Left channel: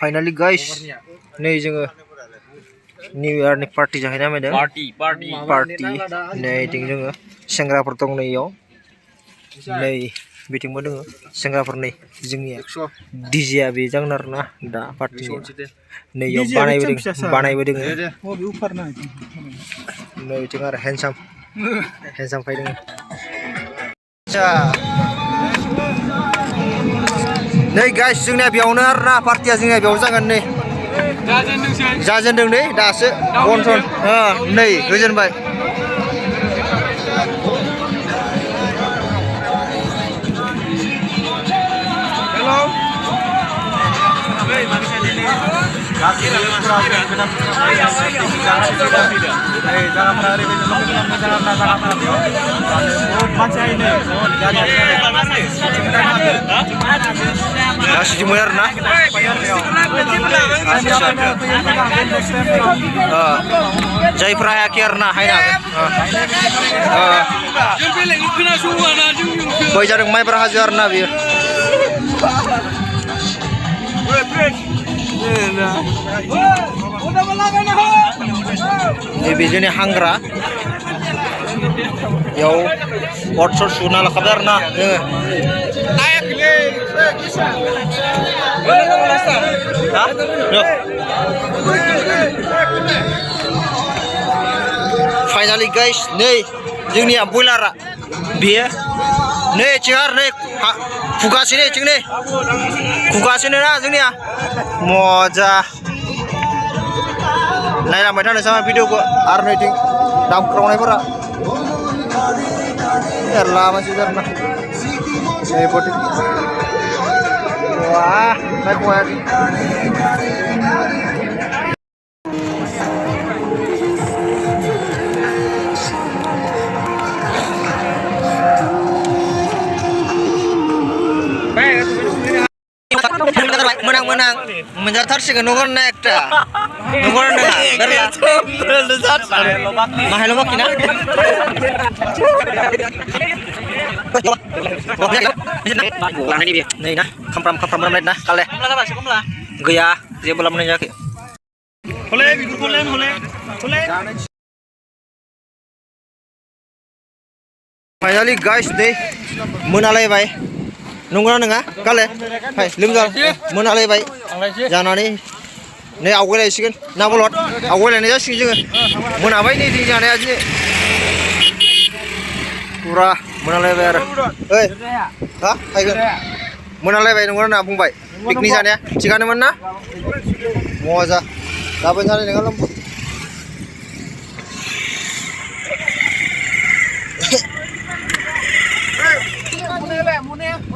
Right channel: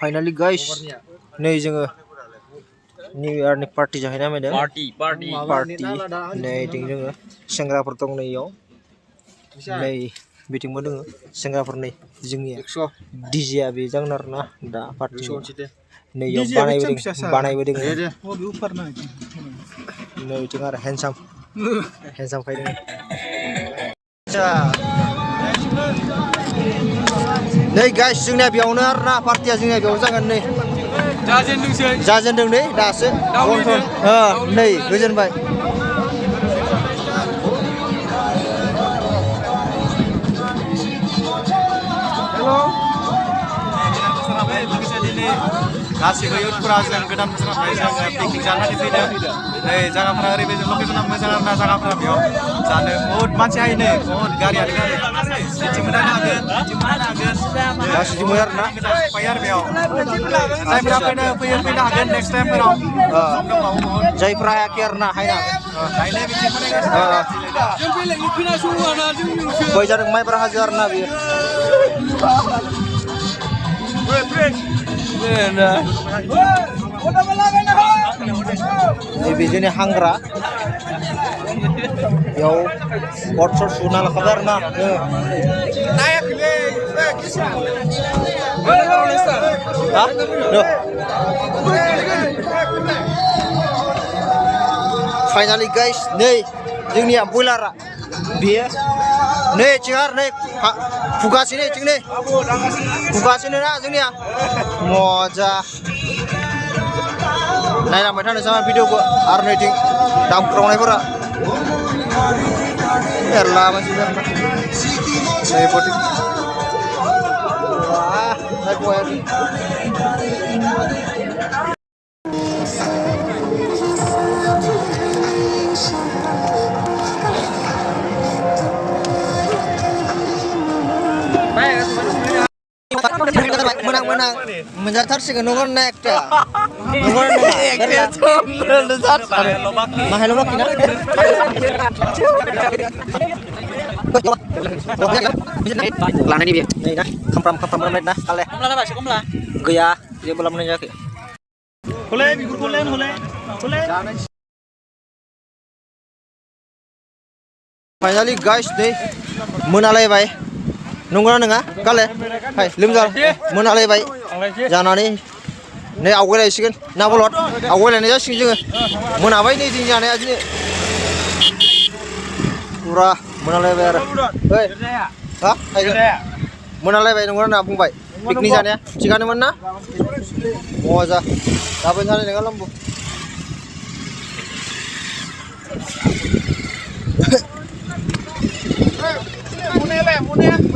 finally guys नै जोङो new इयारनि party जाहैना फैदों पार्टी नै इथिं जोङो सेंग्राफोर दं नै इयाव नै बिथिंबो दङ सेंग्राफोर नै जोंनिया डीजेआ बे जागोन आरोना दा पार्टी नै इयाव बानायबोदों नै इथिं आरो हेन्डसाम फैदों नै गाइस जोंनिया बेयावनो आरोना पार्टिया जोंनिया बेयाव जागोन नै जाजेनदों नै दासो बनसन नै गोजोनबाय जायफ्रा हायाखै आरोना हायनो हागोन बै जादों माइब्रा हाजो आरोना बियो नैबे जोंनि हांग्रा बेयाव अर सर सुना लाखाबाय आरोना फाइनाली गाइस नै जोंनिया बयलारा बेयो नै चिगार नै खुगासिनो इथिं नै खुगासिनो ना जोंनिया मजा नायलांबाय थानो sama भिडिअखौ आरो नैथिं दामख्रावनायफोरा मेरला मानसि आरोना नै पटिं wah naik lagi menang menjartarsikan nomor naik dah nomor naik mahal lobak kina ini nah kampram menit nah kale gaya dia belum menanjak finally guys deh menalai baik nungguan nengah kale hai limjal menalai baik jangan ini awal aja sih kan nabolot awal ini aja sih juga menabai nih tinggalnya aja pura menalai bayar hei hah ayo menalai bayar nungguan nabung baik piknik sana ya cikan mana moza kapan sana dengan lembu Mune